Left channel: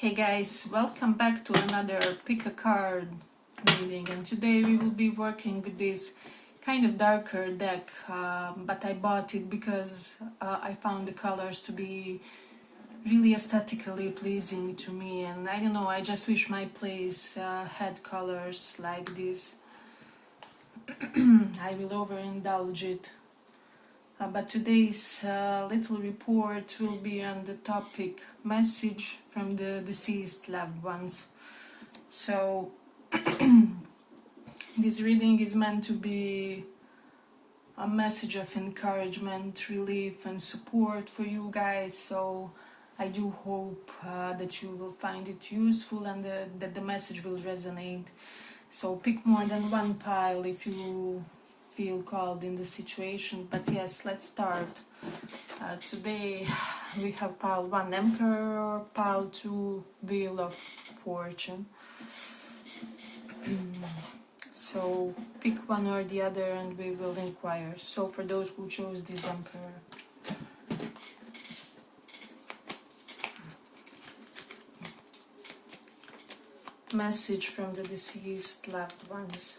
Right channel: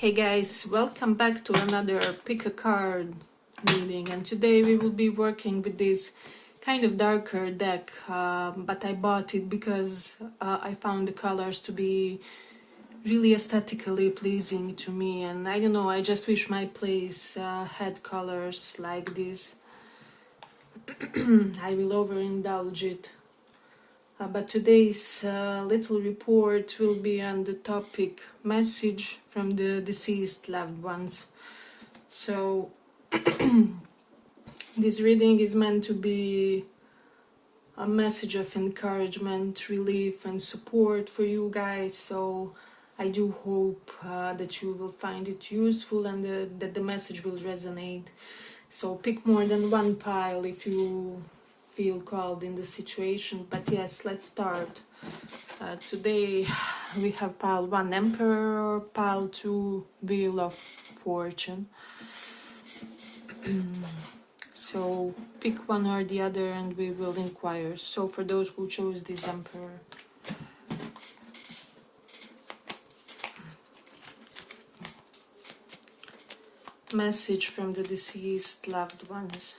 Hey guys, welcome back to another pick a card reading, and today we will be working with this kind of darker deck, but I bought it because I found the colors to be really aesthetically pleasing to me, and I don't know, I just wish my place had colors like this. I will overindulge it. But today's little report will be on the topic message from the deceased loved ones. So this reading is meant to be a message of encouragement, relief and support for you guys. So I do hope that you will find it useful and that the message will resonate. So pick more than one pile if you feel called in the situation, but yes, let's start. Today we have pile 1 Emperor, pile 2 Wheel of Fortune. So pick one or the other and we will inquire. So for those who chose this Emperor, message from the deceased loved ones.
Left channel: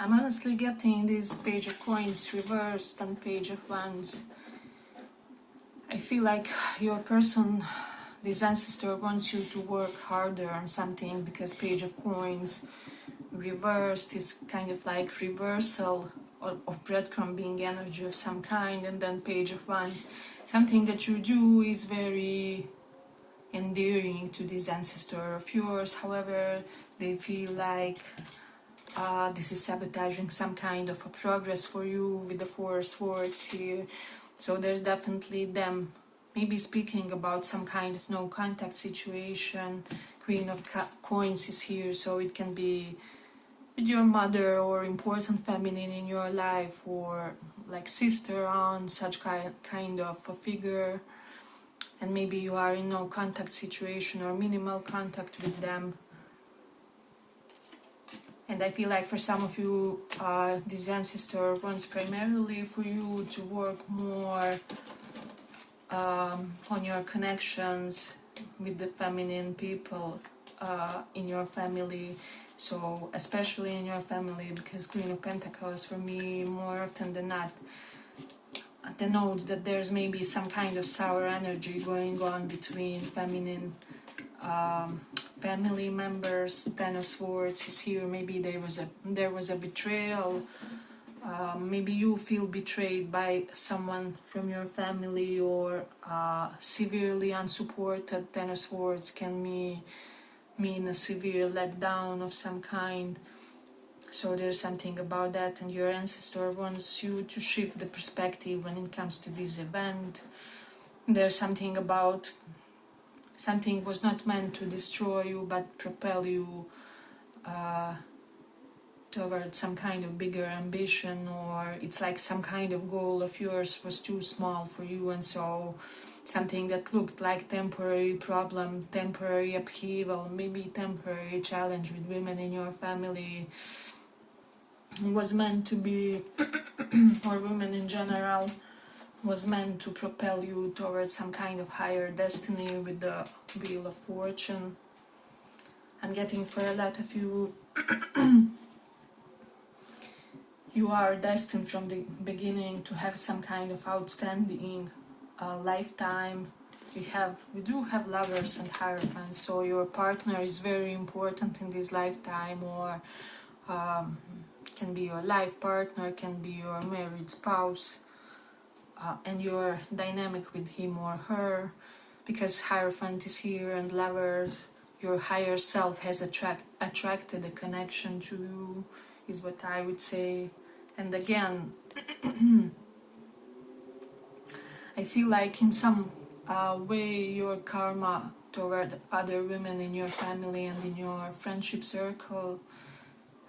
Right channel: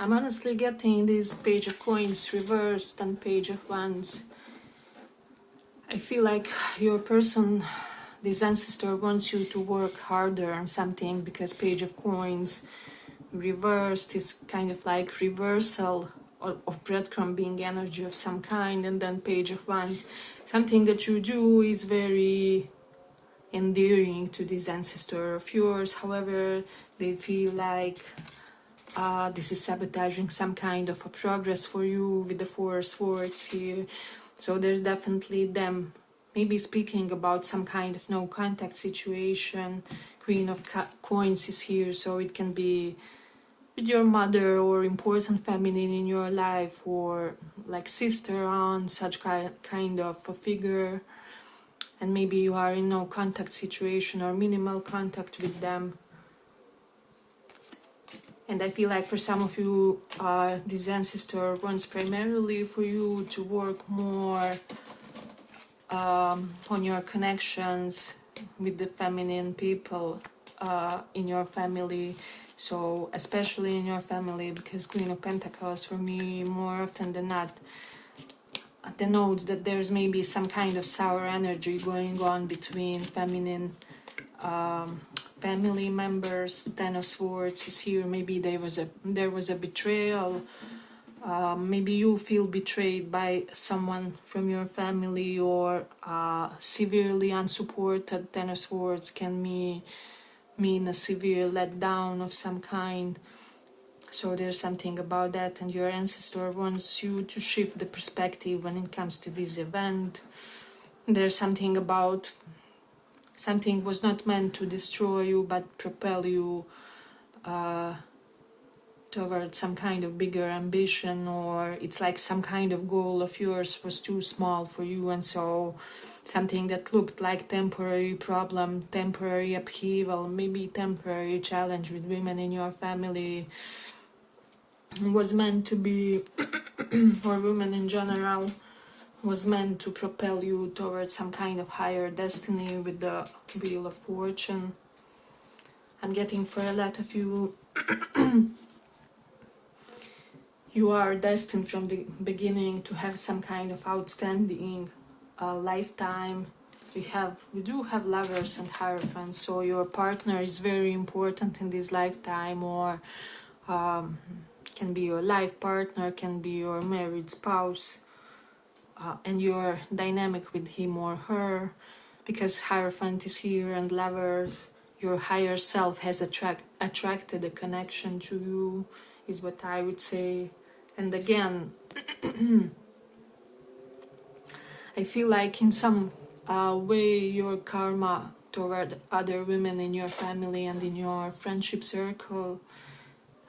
I'm honestly getting this Page of Coins reversed and Page of Wands. I feel like your person, this ancestor, wants you to work harder on something, because Page of Coins reversed is kind of like reversal of breadcrumbing energy of some kind, and then Page of Wands, something that you do is very endearing to this ancestor of yours. However, they feel like this is sabotaging some kind of a progress for you with the Four Swords here. So there's definitely them maybe speaking about some kind of no contact situation. Queen of Coins is here, so it can be with your mother or important feminine in your life, or like sister, aunt, such kind of a figure. And maybe you are in no contact situation or minimal contact with them. And I feel like for some of you, this ancestor wants primarily for you to work more on your connections with the feminine people in your family. So especially in your family, because Queen of Pentacles for me more often than not denotes that there's maybe some kind of sour energy going on between feminine family members. Ten of Swords is here. Maybe there was a betrayal. Maybe you feel betrayed by someone from your family, or severely unsupported. Ten of Swords can mean a severe letdown of some kind. So there's something about that, and your ancestor wants you to shift the perspective when it comes to this event. There's something about something was not meant to destroy you, but propel you towards some kind of bigger ambition, or it's like some kind of goal of yours was too small for you, and so something that looked like temporary problem, temporary upheaval, maybe temporary challenge with women in your family was meant to be, or women in general, was meant to propel you towards some kind of higher destiny with the Wheel of Fortune. I'm getting for a lot of you, you are destined from the beginning to have some kind of outstanding lifetime. We do have Lovers and Hierophants, so your partner is very important in this lifetime, or can be your life partner, can be your married spouse, and your dynamic with him or her, because Hierophant is here and Lovers. Your higher self has attracted a connection to you, is what I would say. And again, I feel like in some way your karma toward other women in your family and in your friendship circle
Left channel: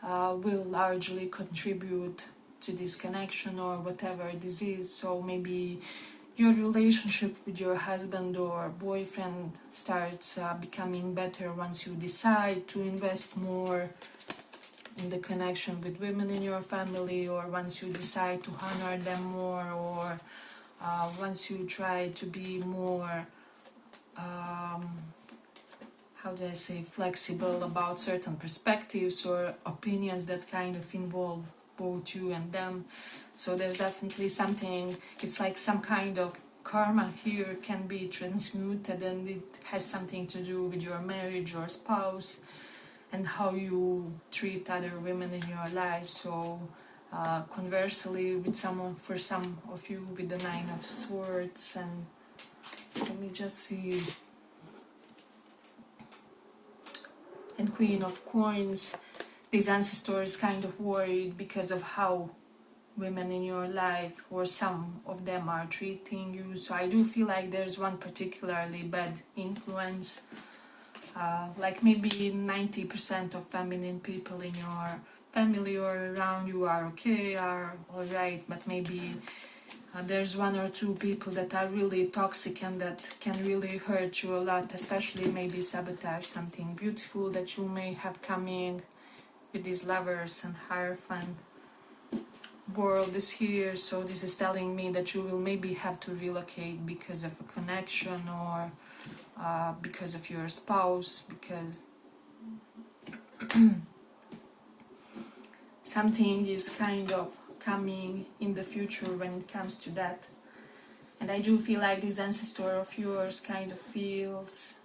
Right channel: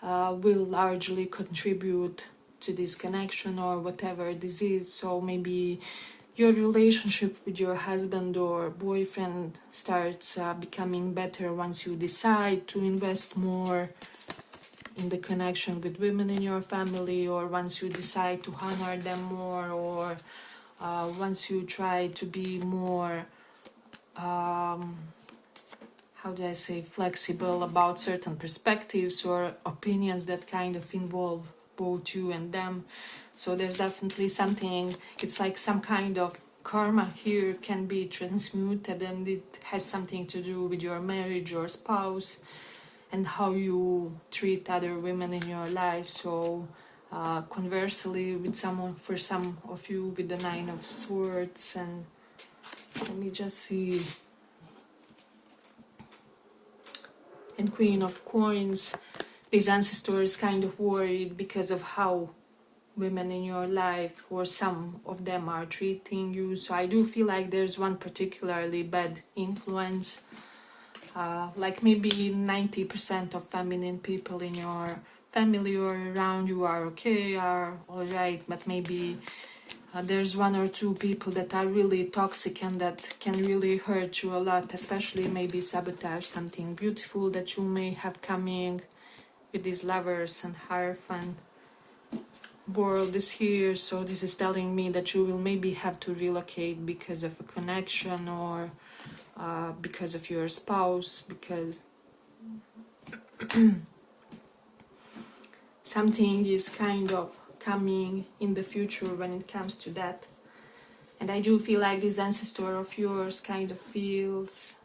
will largely contribute to this connection or whatever this is. So maybe your relationship with your husband or boyfriend starts becoming better once you decide to invest more in the connection with women in your family, or once you decide to honor them more, or once you try to be more, how do I say, flexible about certain perspectives or opinions that kind of involve both you and them. So there's definitely something, it's like some kind of karma here can be transmuted, and it has something to do with your marriage or spouse and how you treat other women in your life. So conversely, with someone, for some of you, with the Nine of Swords, and let me just see, and Queen of Coins, this ancestor is kind of worried because of how women in your life, or some of them, are treating you. So I do feel like there's one particularly bad influence, like maybe 90% of feminine people in your family or around you are okay, are alright, but maybe there's one or two people that are really toxic and that can really hurt you a lot, especially maybe sabotage something beautiful that you may have coming with these Lovers and Hierophant. World is here, so this is telling me that you will maybe have to relocate because of a connection, or because of your spouse, because something is kind of coming in the future when it comes to that. And I do feel like this ancestor of yours kind of feels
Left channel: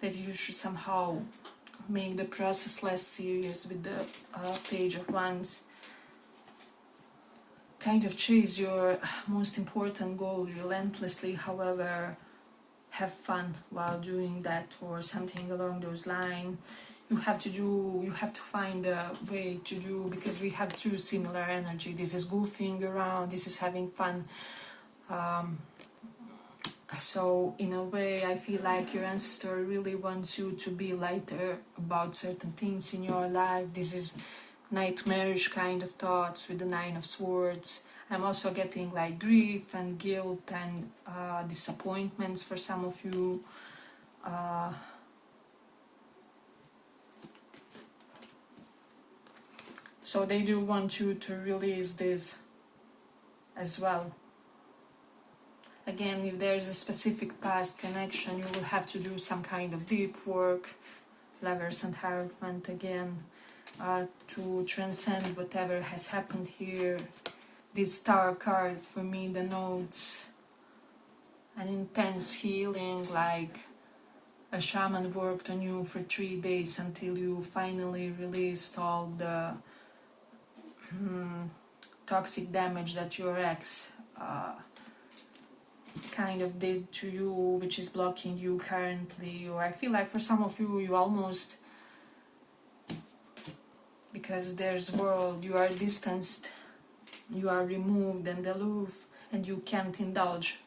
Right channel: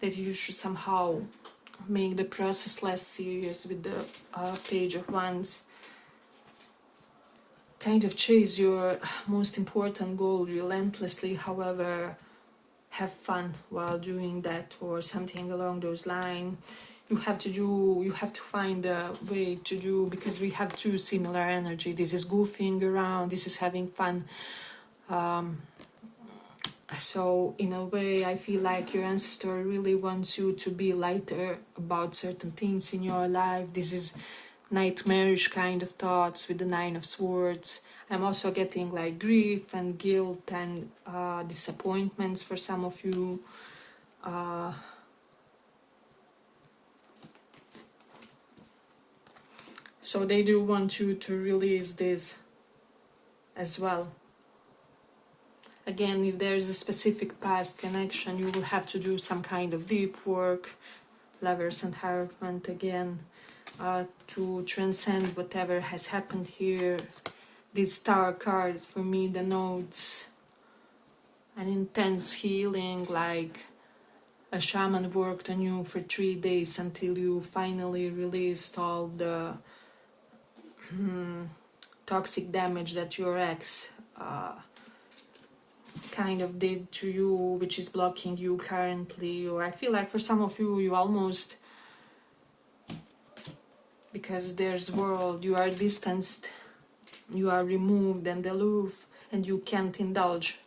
that you should somehow make the process less serious with the Page of Wands. Kind of chase your most important goal relentlessly, however, have fun while doing that, or something along those lines. You have to find a way to do, because we have two similar energy. This is goofing around, this is having fun. So in a way, I feel like your ancestor really wants you to be lighter about certain things in your life. This is nightmarish kind of thoughts with the Nine of Swords. I'm also getting like grief and guilt and disappointments for some of you. So they do want you to release this as well. Again, if there's a specific past connection, you will have to do some kind of deep work, Lovers and Hierophant again, to transcend whatever has happened here. This Star card for me denotes an intense healing, like a shaman worked on you for 3 days until you finally released all the toxic damage that your ex kind of did to you, which is blocking you currently. Or I feel like for some of you, you almost, because there's world, you are distanced, you are removed and aloof, and you can't indulge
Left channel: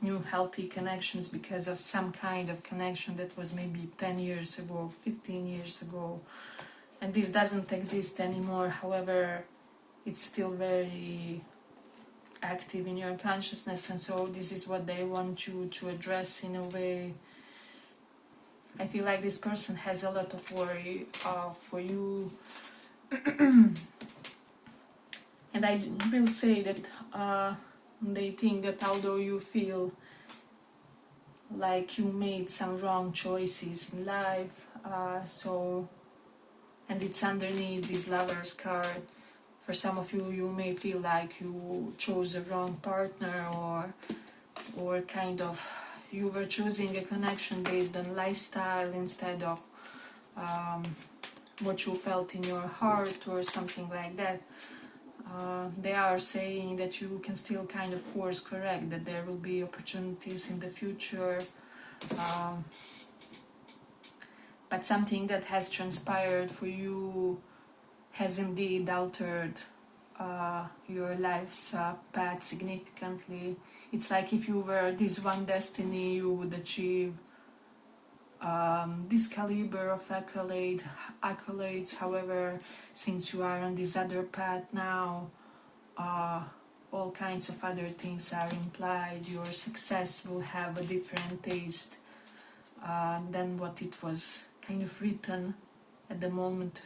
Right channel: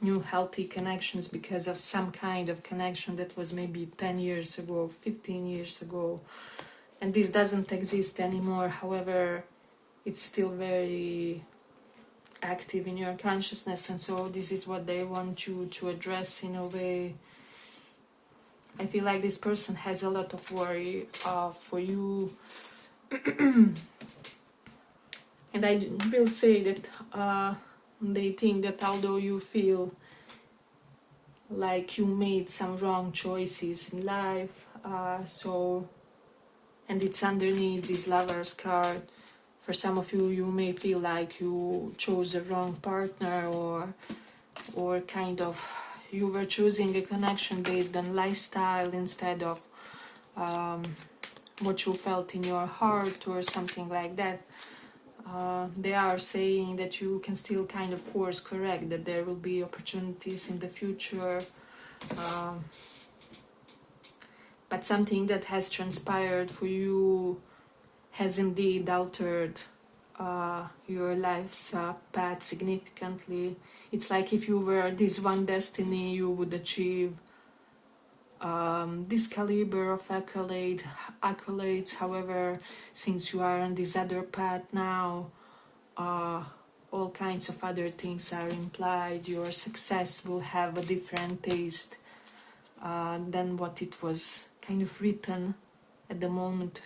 new healthy connections because of some kind of connection that was maybe 10 years ago, 15 years ago, and this doesn't exist anymore. However, it's still very active in your consciousness, and so this is what they want you to address in a way. I feel like this person has a lot of worry for you. And I will say that they think that although you feel like you made some wrong choices in life, and it's underneath this Lovers card. For some of you, you may feel like you chose the wrong partner, or kind of you were choosing a connection based on lifestyle instead of what you felt in your heart or something like that. They are saying that you can still kind of course correct, that there will be opportunities in the future, but something that has transpired for you has indeed altered your life's path significantly. It's like if you were this one destiny, you would achieve this caliber of accolades. However, since you are on this other path now, all kinds of other things are implied. Your success will have a different taste than what it was kind of written at the moment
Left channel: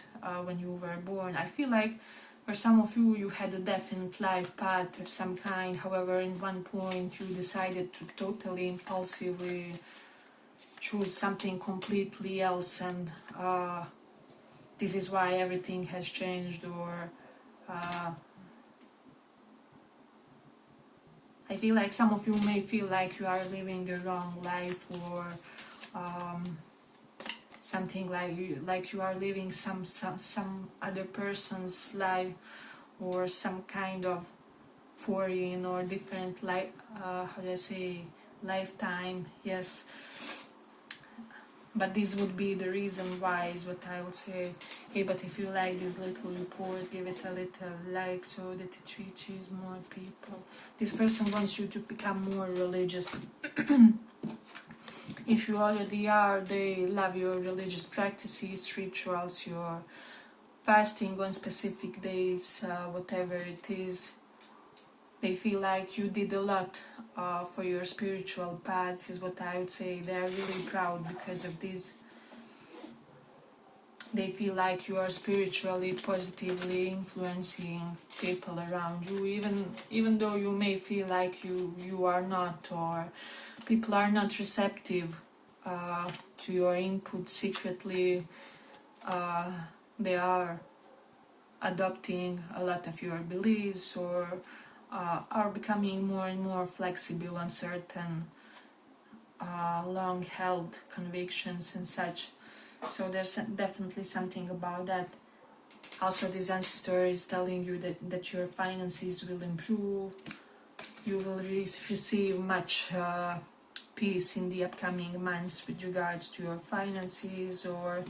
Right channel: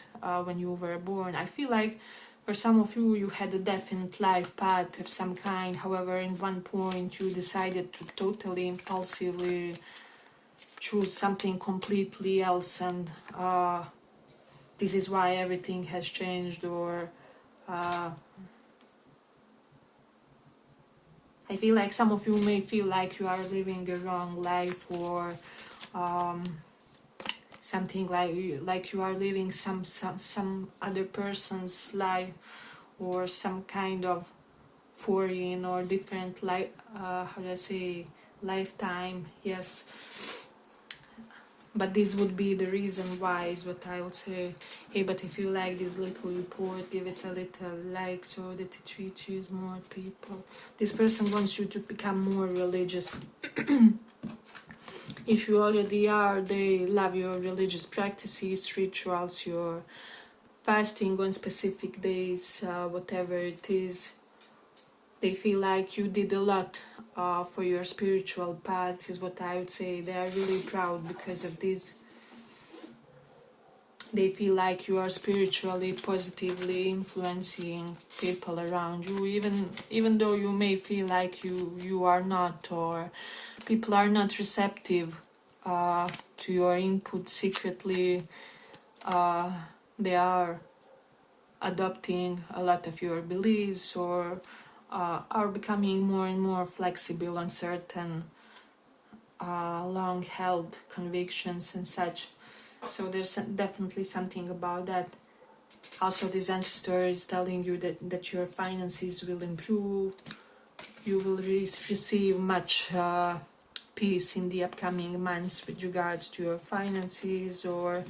when you were born. I feel like for some of you, you had a definite life path of some kind. However, in one point, you decided to totally impulsively choose something completely else, and this is why everything has changed. Or I feel like some of you may feel like you are living a wrong life, or something like you are living some other person's life, or some kind of foreign or different life, how do I say, lifetime. Yes, but this would be the reason why, is what I would say. Hey, but if you like this little report, give it a little like so that it reaches more people. This person wants you to become more religious. If you already are, they love your religious practices, rituals, your fasting on specific days, whatever it is. They feel like you did a lot for your spiritual path, is what I would say. They are really proud because of this. They feel like you are spiritually positively influencing people around you, even though you may feel like you are not, or people are not receptive to your input. Secretly, they are adopting a lot of your beliefs, or are becoming more and more flexible on certain long-held convictions and such. So there's definitely something about that. Also, this ancestor is telling you that your finances will improve. You will receive much peace in the upcoming months with regards to your finances, or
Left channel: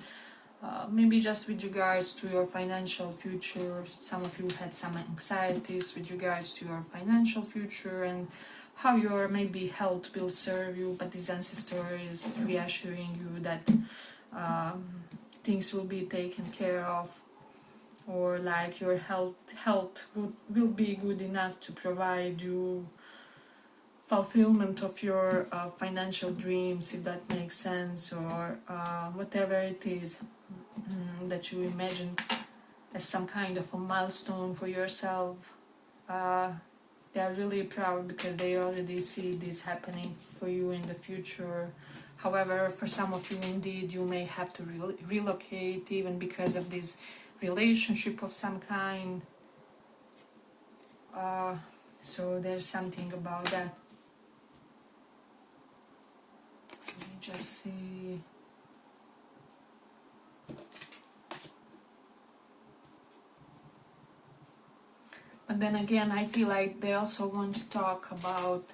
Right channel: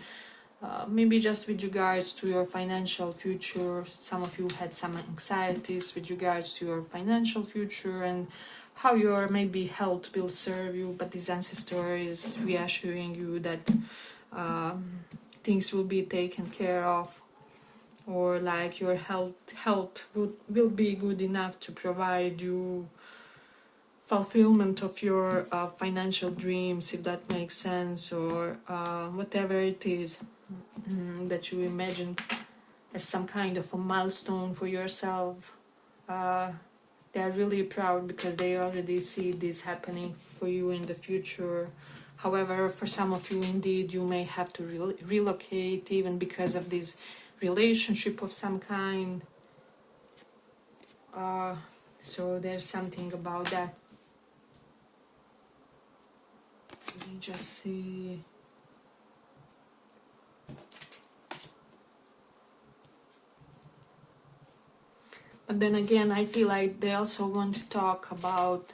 maybe just with regards to your financial future. Some of you had some anxieties with regards to your financial future and how your maybe health will serve you, but this ancestor is reassuring you that things will be taken care of, or like your health will be good enough to provide you fulfillment of your financial dreams, if that makes sense, or whatever it is that you imagine as some kind of a milestone for yourself. They're really proud because they already see this happening for you in the future. However, for some of you, indeed, you may have to relocate, even because of this relationship of some kind. So there's something about that. Let me just see. But then again, I feel like they also want to talk about,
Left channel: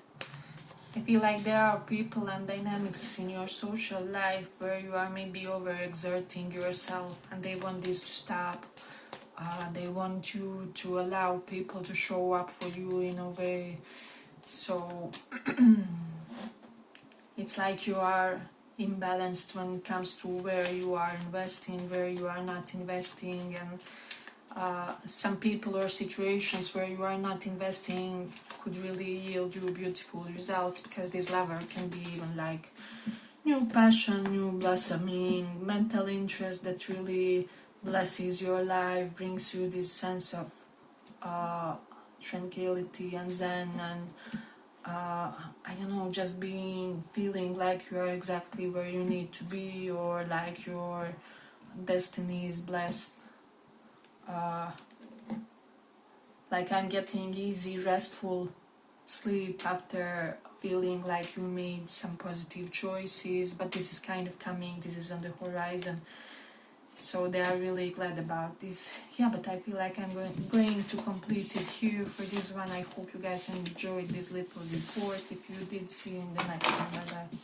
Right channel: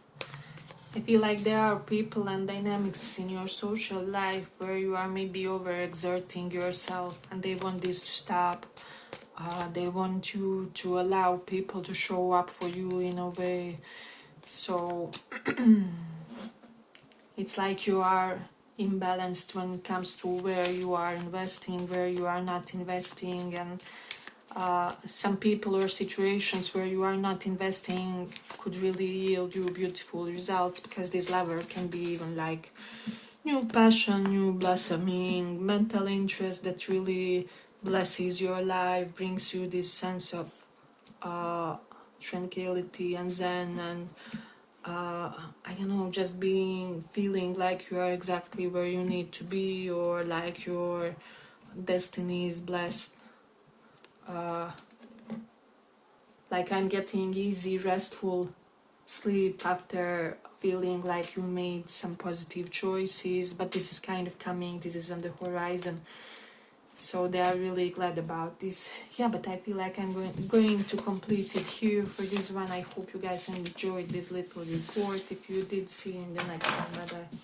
I feel like there are people and dynamics in your social life where you are maybe overexerting yourself, and they want this to stop. They want you to allow people to show up for you in a way. So it's like you are imbalanced when it comes to where you are investing, where you are not investing, and some people or situations where you are not investing could really yield you beautiful results, because this lever can be even like new passion, new blossoming, mental interest that really blesses your life, brings you this sense of tranquility and zen, and I don't know, just feeling like you are exactly where you need to be, or like your destiny is blessed. Like I'm getting easy, restful sleep after feeling like you made some positive choices, but this is kind of coming, this is on the horizon. So they are really glad about this. Yeah, but I feel like I'm going to complete it here for this one. I hope you guys enjoyed this little report. If you did, see you in the next one. Bye-bye.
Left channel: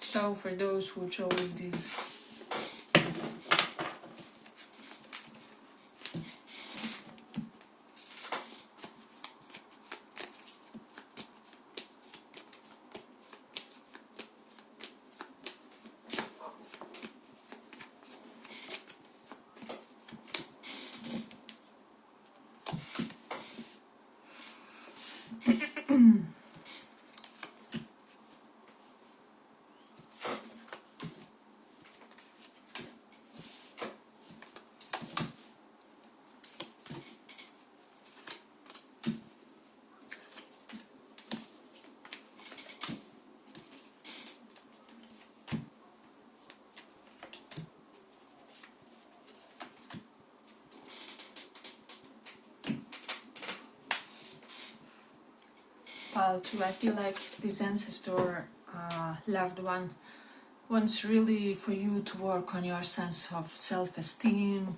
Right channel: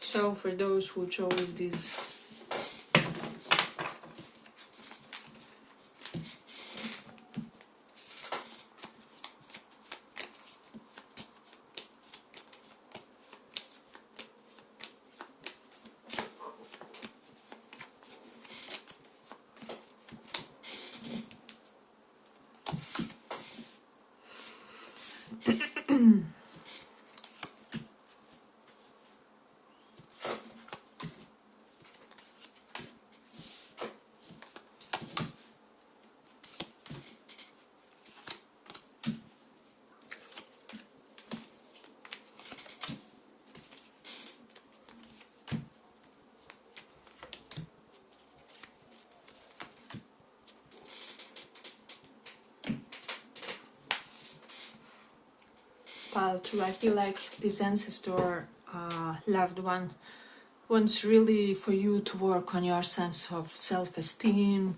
So for those who chose this, pile 2, I feel like this ancestor, loved one, wants really for you to work on your sense of self-esteem,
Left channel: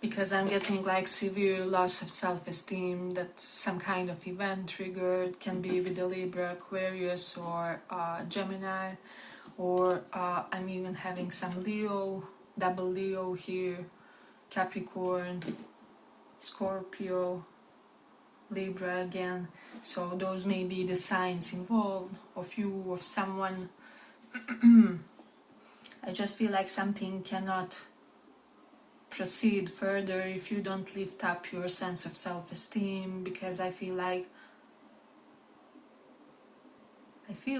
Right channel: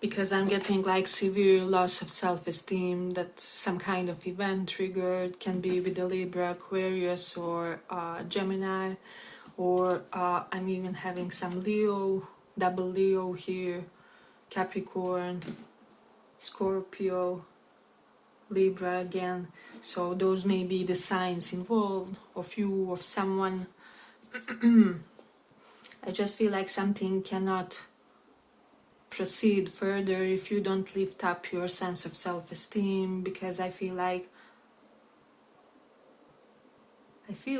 because I'm getting like severe loss of self-esteem that some kind of event triggered, can be with the Libra, Aquarius, or Gemini, or I'm even having some Leo, double Leo here, Capricorn, Scorpio, Libra again. So those may be the signs involved, of you, of someone. I just feel like something cannot proceed further if you don't lift up your sense of self-esteem, because I feel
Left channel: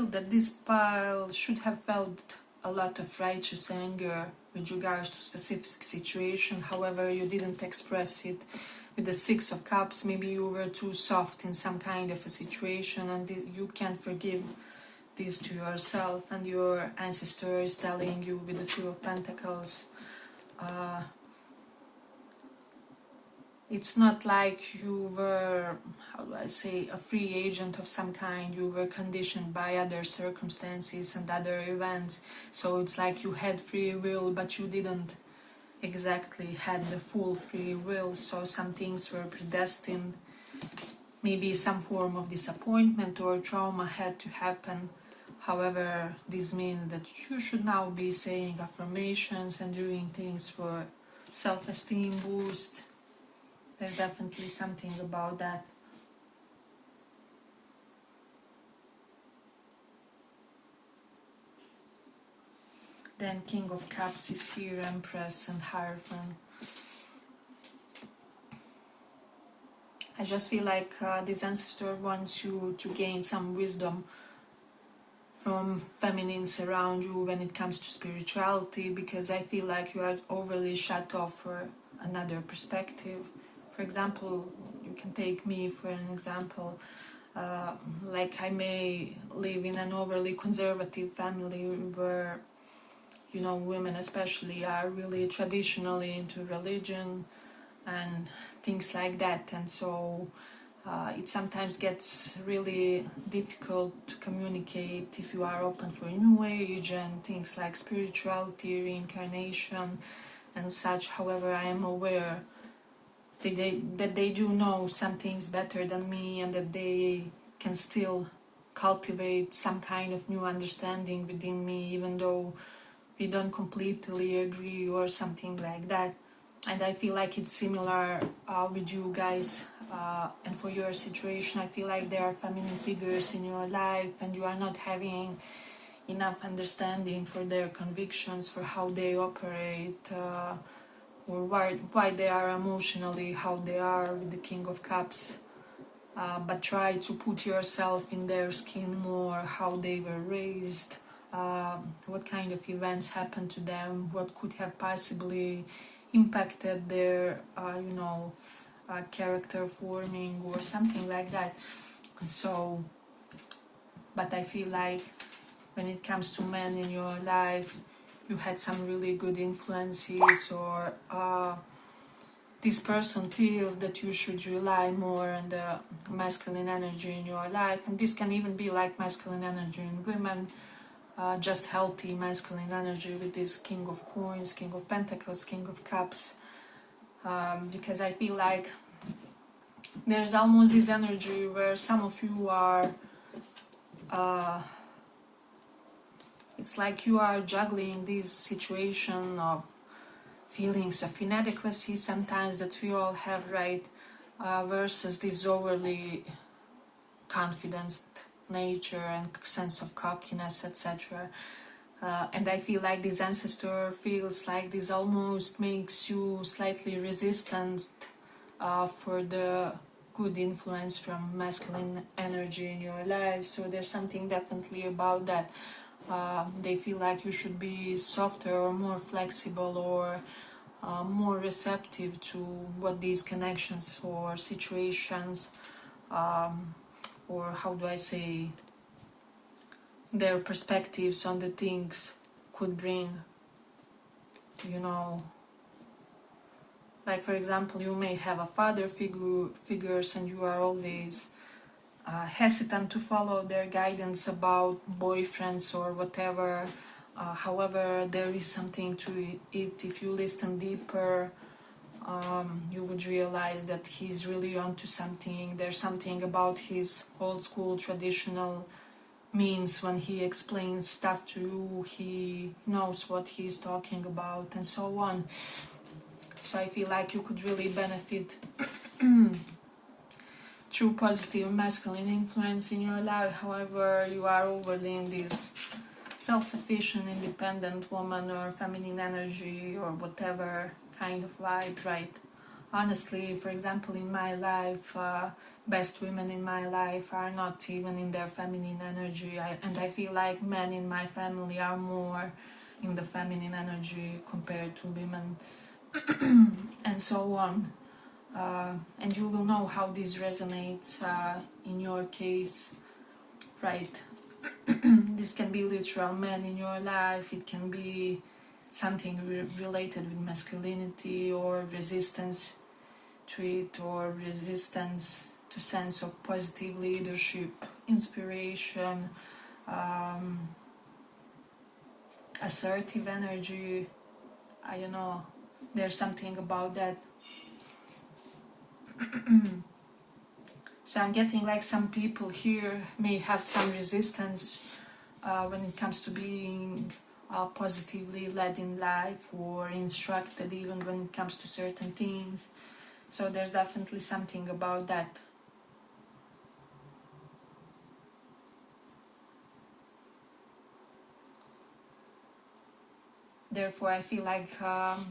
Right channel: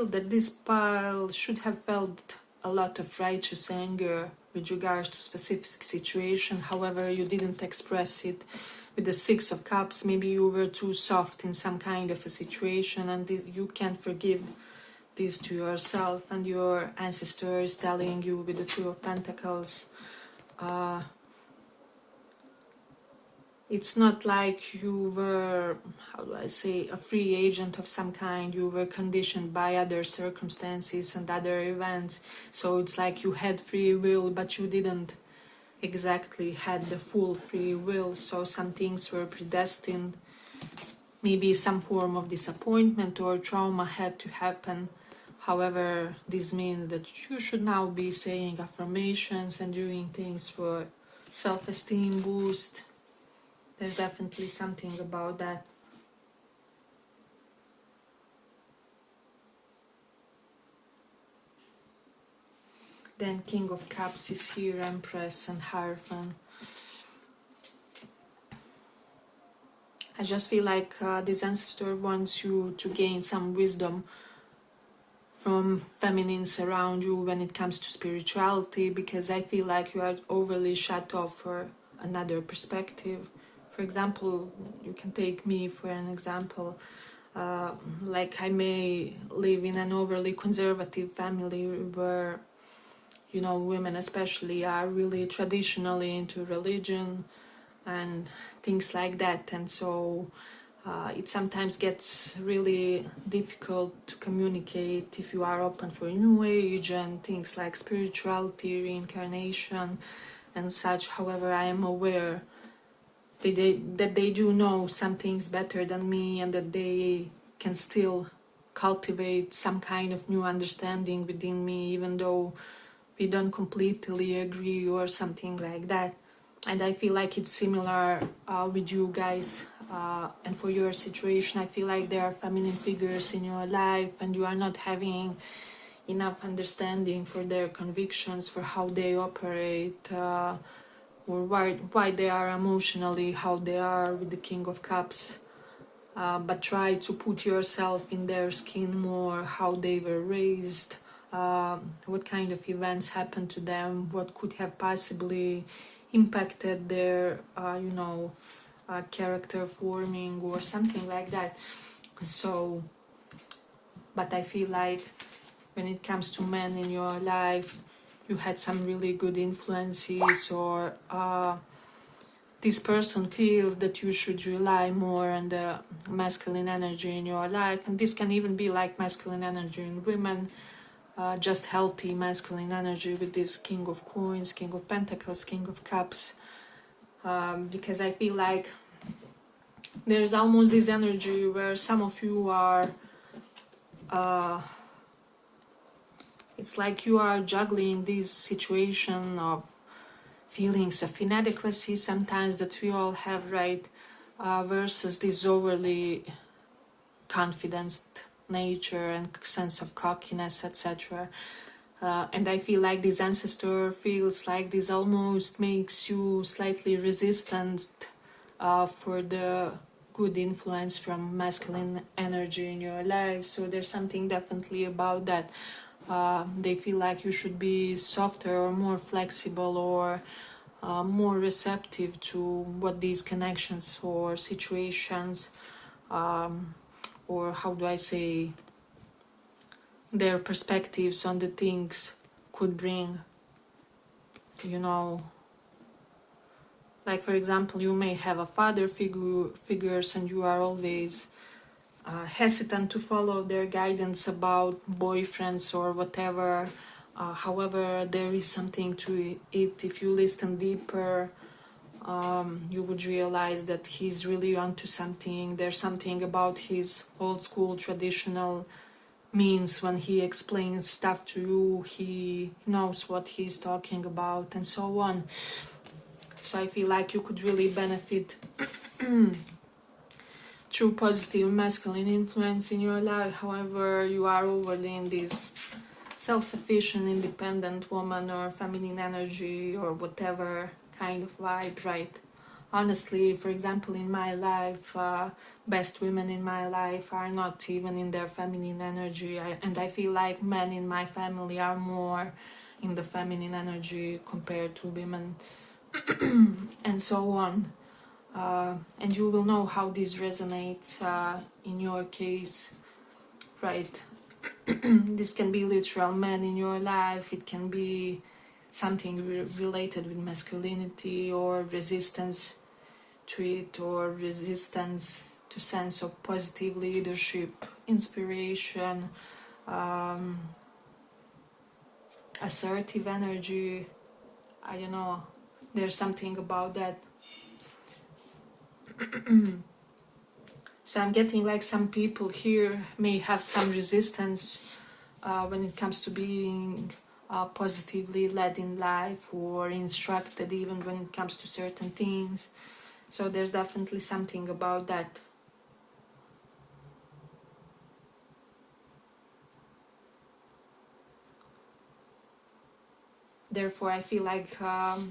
that this pile should have felt a lot of righteous anger with regards to specific situation. However, you didn't express it with the Six of Cups. Maybe you were too soft in some kind of a situation, and you can't forgive this to yourself, and your ancestor is telling you with the Two of Pentacles, it's not like you were, how do I say, a free agent of some kind. You were conditioned by other circumstances and other events. So it's like you had free will, but you didn't exactly had the full free will. So some things were predestined. Maybe some form of disappointment or trauma had to happen. However, this means that you should now be saying affirmations and doing things for self-esteem boost. There's definitely something about that. Then King of Cups is here, Empress and Hierophant. I just feel like this ancestor wants you to gain some wisdom from feminines around you when it comes to spirituality, because I feel like you are overly shut off for another perspective. For example, you can take me for an example. Like I may live in an overly conservative family where, you know, women especially are really traditionally into religion and things like that, and so it sometimes gets really difficult to communicate if you are open for New Age and things like spirituality, reincarnation and such. However, I am aware that they do know some things better than me, and that they can still cultivate some kind of new understanding within me, even though we don't completely agree or something like that. And I feel like it's similar with you guys, and for your situation, I feel like there are feminine figures in your life and you are not having enough understanding for their convictions, for how they operate, or why they are emotionally how they are with the King of Cups. But try to put yourself in their skin more, how they were raised, what kind of events happened to them, what could have possibly impacted their, character forming or something like that. So, but I feel like when it comes to men in your life, you had some really good influences, or this person feels that you should rely more on the masculine energy in your life. And this can even be like masculine energy in women, just healthy masculine energy with this King of Coins, King of Pentacles, King of Cups, because I feel like there's almost this energy where some of you are, it's like you are juggling this situation of feelings of inadequacy sometimes that we all have, right, versus this overly confident nature and sense of cockiness, etc. And I feel like this ancestor feels like this almost makes you slightly resistant for the good influence from masculine energy in your life. So there's something definitely about that. They feel like you should be softer or more flexible or more receptive to what these connections or situations, or how do I say, their perspectives on the things could bring. You know, like for example, you may have a father figures and you are always hesitant to follow their guidance about boyfriends or whatever. However, there is something to it. If you listen deeper, you would realize that he's really onto something. There's something about his old school traditional means when he explains stuff to you. He knows what he's talking about and so on. So I feel like you could really benefit through positive masculine influence in your life. However, you are overly in this self-sufficient, independent woman or feminine energy or whatever kind of vibe, right? Honestly, for example, in my life, best women in my life are not even in their feminine energy, and I feel like men in my family are more in the feminine energy compared to women, and so on. And you will know how this resonates in your case, right? This can be literal men in your life, it can be something related with masculinity or resistance to it, or resistance to sense of positive leadership, inspiration, assertive energy. I don't know, there's something about that. So I'm getting like some people here may have some resistance when it comes to being positively led in life or instructed even when it comes to certain things. So there's definitely something about that. Therefore, I feel like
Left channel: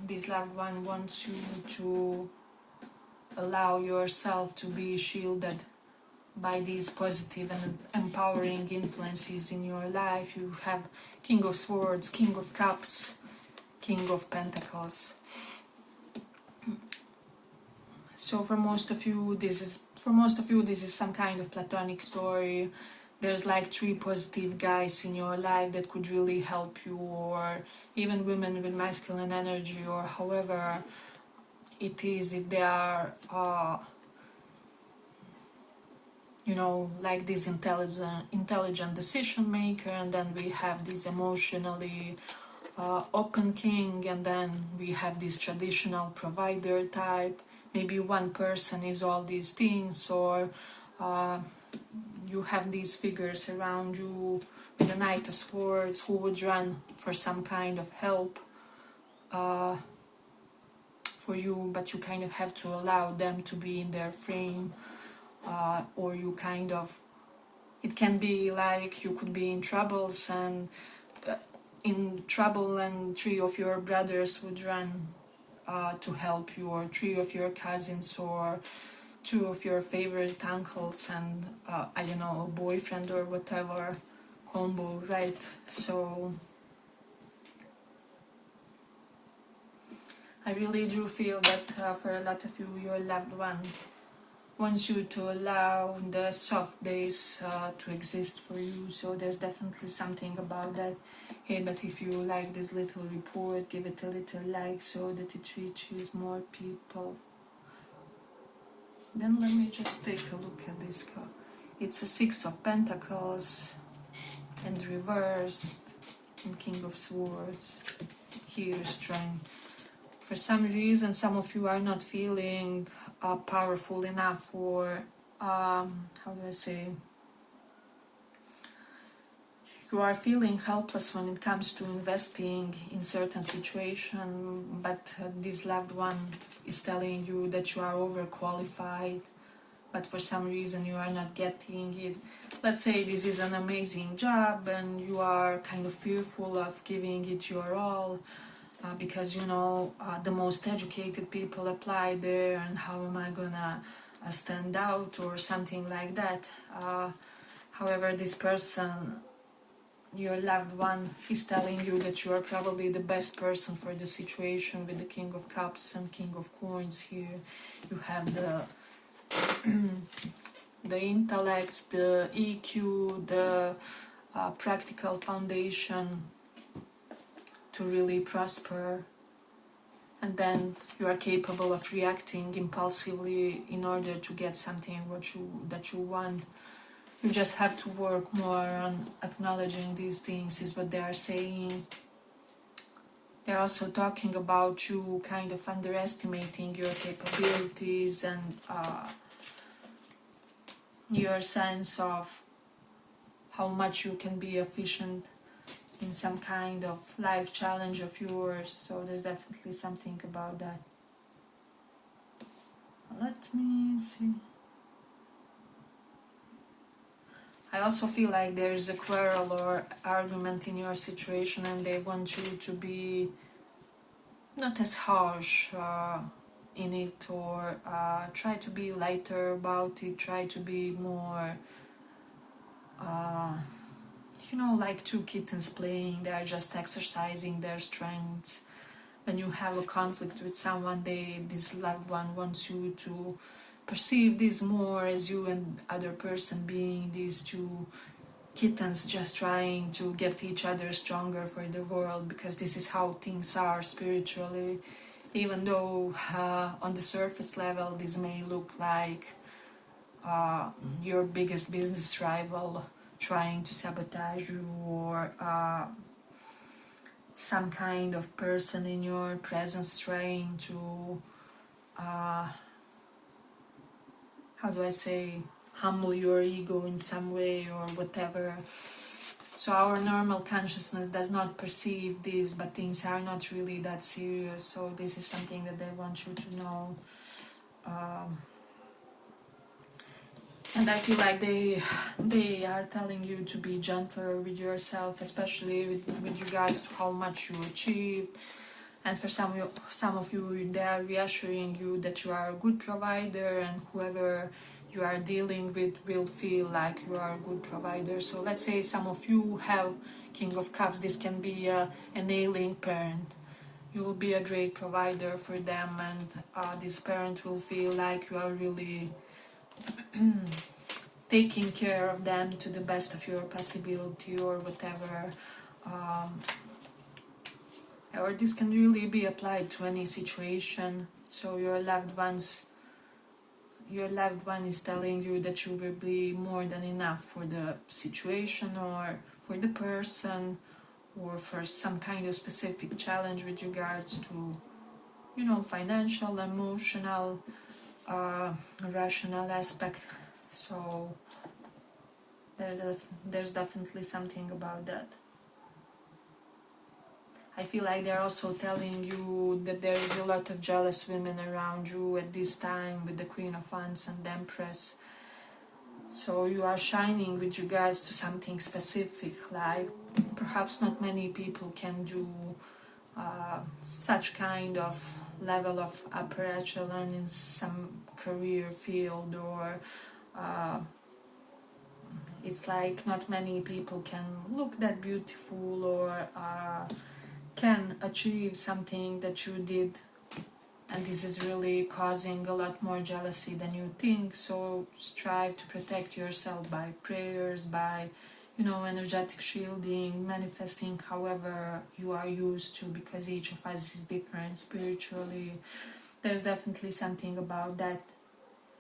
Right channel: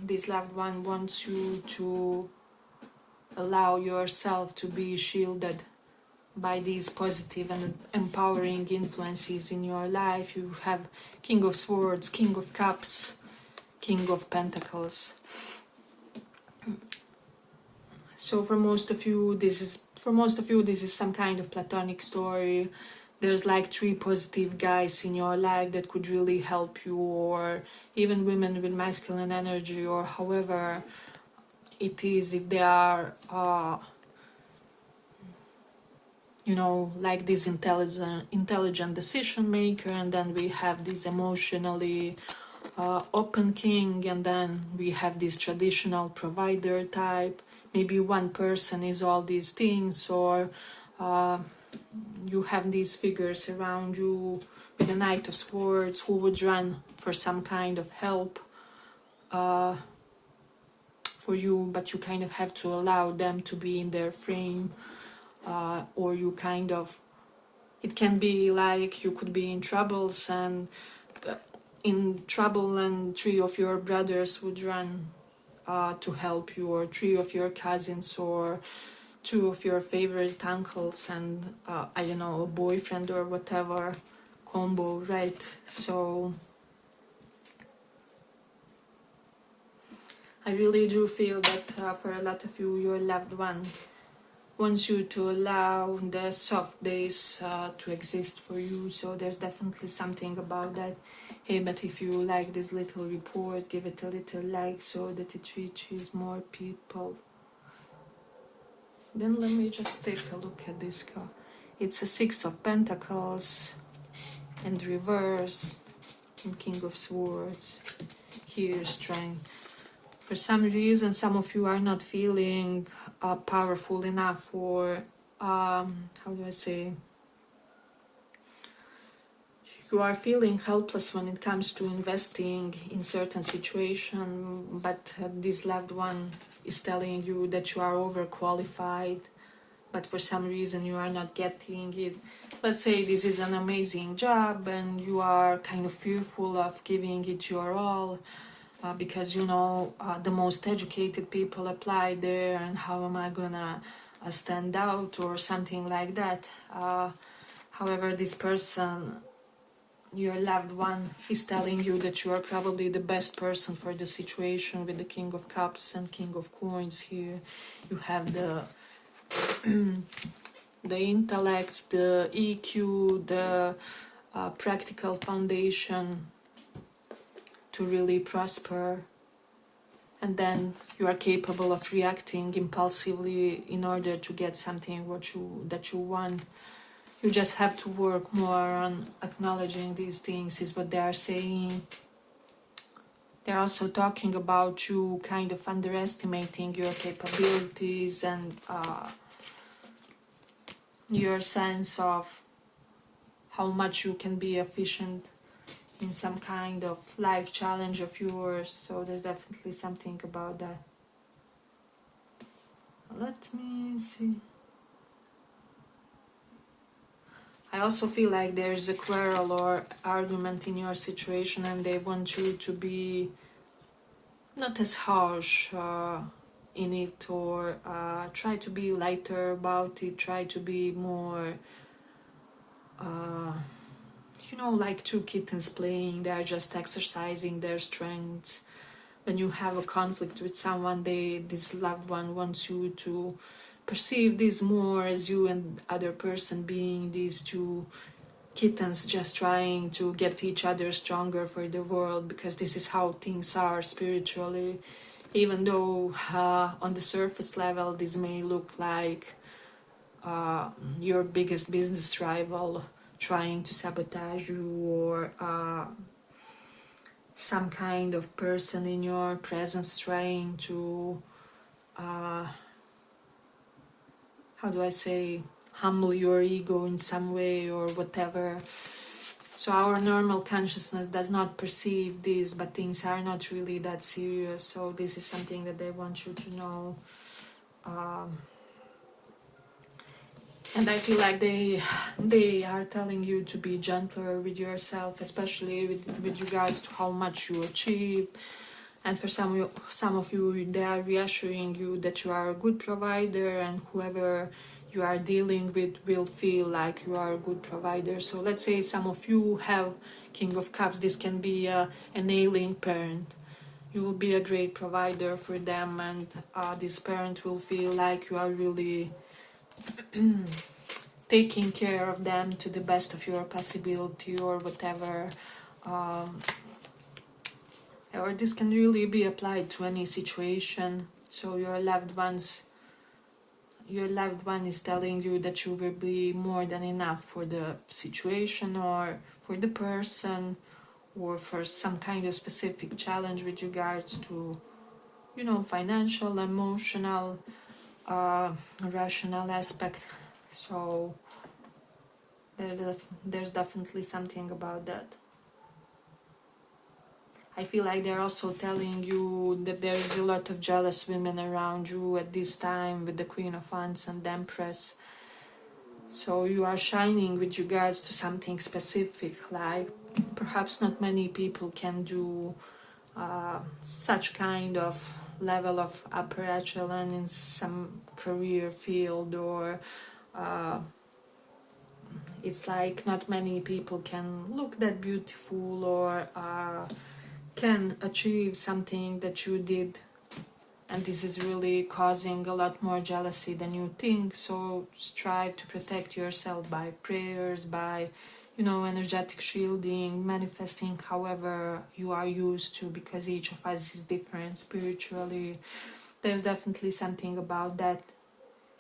this loved one wants you to allow yourself to be shielded by these positive and empowering influences in your life. You have King of Swords, King of Cups, King of Pentacles. So for most of you, this is some kind of platonic story. There's like 3 positive guys in your life that could really help you, or even women with masculine energy, or however it is, if they are like this intelligent decision maker. And then we have this emotionally open king, and then we have this traditional provider type. Maybe one person is all these things, or you have these figures around you with the Knight of Swords who would run for some kind of help for you, but you kind of have to allow them to be in their frame, or you kind of, it can be like you could be in troubles and 3 of your brothers would run to help you, or 3 of your cousins, or 2 of your favorite uncles, and I don't know, a boyfriend or whatever combo, right? So I really do feel that for a lot of you, your loved one wants you to allow the soft days to exist for you. So there's definitely something about that. Hey, but if you like this little report, give it a little like so that it reaches more people. Then let me just take a look at this card. It's a 6 of Pentacles and reversed. and King of Swords. Here, strength. For some reason, some of you are not feeling powerful enough, or how do I say, you are feeling helpless when it comes to investing in certain situation, but this loved one is telling you that you are overqualified, but for some reason you are not getting it. Let's say this is an amazing job and you are kind of fearful of giving it your all, because you know the most educated people apply there, and how am I gonna stand out or something like that. However, this person, your loved one, is telling you that you are probably the best person for the situation. With the King of Cups and King of Coins here, you have the the intellect, the EQ, the practical foundation to really prosper, and then you are capable of reacting impulsively in order to get something that you want. You just have to work more on acknowledging these things, is what they are saying. They're also talking about you kind of underestimating your capabilities and your sense of how much you can be efficient in some kind of life challenge of yours. So there's definitely something about that. Let me see. I also feel like there's a quarrel or argument in your situation, and they want you to be not as harsh in it, or try to be lighter about it, try to be more, like two kittens playing. They're just exercising their strength. When you have a conflict with someone, this loved one wants you to perceive this more as you and other person being these two kittens just trying to get each other stronger for the world, because this is how things are spiritually. Even though on the surface level this may look like your biggest business rival trying to sabotage you, or some kind of person in your presence trying to how do I say, humble your ego in some way or whatever. So our normal consciousness does not perceive this, but things are not really that serious. So this is something that they want you to know. And I feel like they are telling you to be gentler with yourself, especially with regards to how much you achieve. And for some of you, they are reassuring you that you are a good provider, and whoever you are dealing with will feel like you are a good provider. So let's say some of you have King of Cups. This can be an ailing parent. You will be a great provider for them, and this parent will feel like you are really taking care of them to the best of your possibility, or whatever. Or this can really be applied to any situation. So your loved one is telling you that you will be more than enough for the situation, or for the person, or for some kind of specific challenge with regards to, financial, emotional, rational aspect. So there's definitely something about that. I feel like they're also telling you that there is a lot of jealous women around you at this time, with the Queen of Wands and the Empress. So you are shining with regards to something specific, like perhaps not many people can do such kind of level of upper echelon in some career field, or it's like not many people can look that beautiful, or can achieve something that you did, and this is really causing a lot more jealousy than you think. So strive to protect yourself by prayers, by energetic shielding, manifesting, however you are used to, because each of us is different spiritually. There's definitely something about that.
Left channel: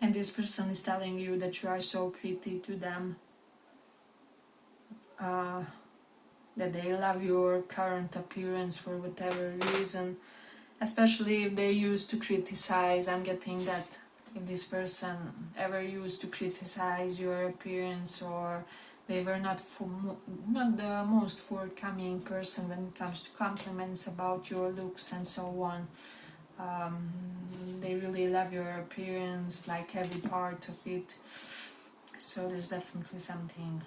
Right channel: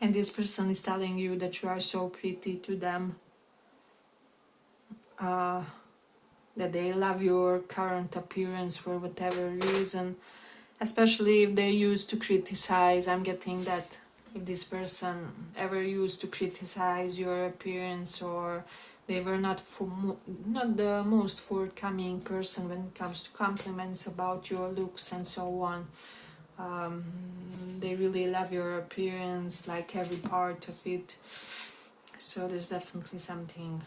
And this person is telling you that you are so pretty to them. that they love your current appearance for whatever reason, especially if they used to criticize. I'm getting that if this person ever used to criticize your appearance, or they were not the most forthcoming person when it comes to compliments about your looks and so on. They really love your appearance, like every part of it. So there's definitely something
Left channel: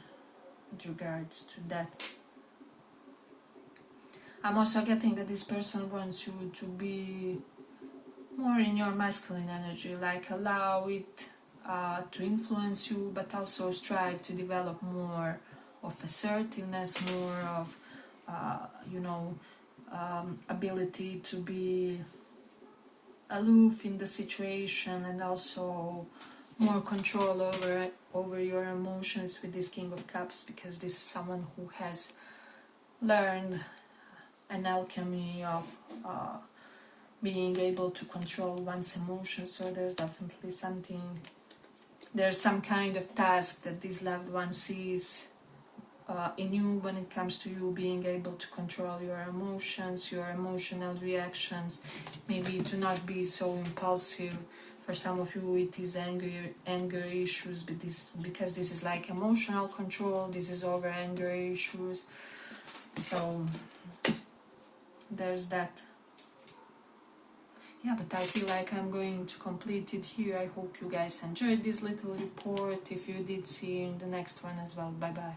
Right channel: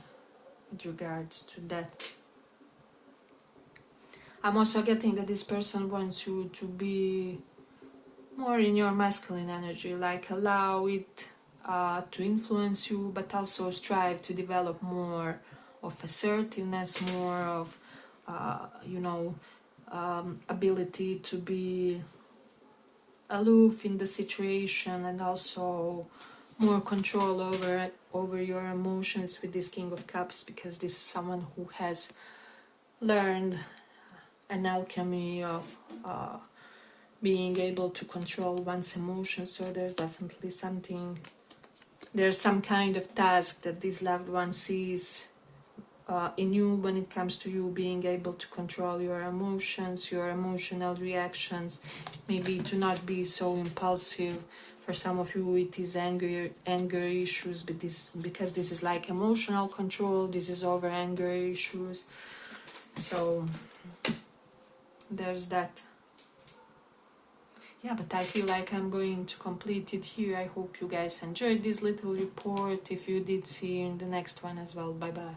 with regards to that. I'm also getting that this person wants you to be more in your masculine energy, like allow it to influence you, but also strive to develop more of assertiveness, more of ability to be aloof in the situation, and also more control over your emotions with this King of Cups, because this is someone who has learned an alchemy of being able to control one's emotions. So there's definitely there's some kind of task that this loved one sees in you when it comes to you being able to control your emotions, your emotional reactions, maybe to not be so impulsive. For some of you it is anger issues, but because this is like emotional control, this is over anger issues. So there's that. Yeah, but I feel like I'm going to complete it here. I hope you guys enjoyed this little report. If you did, see you in the next one as well. Bye bye.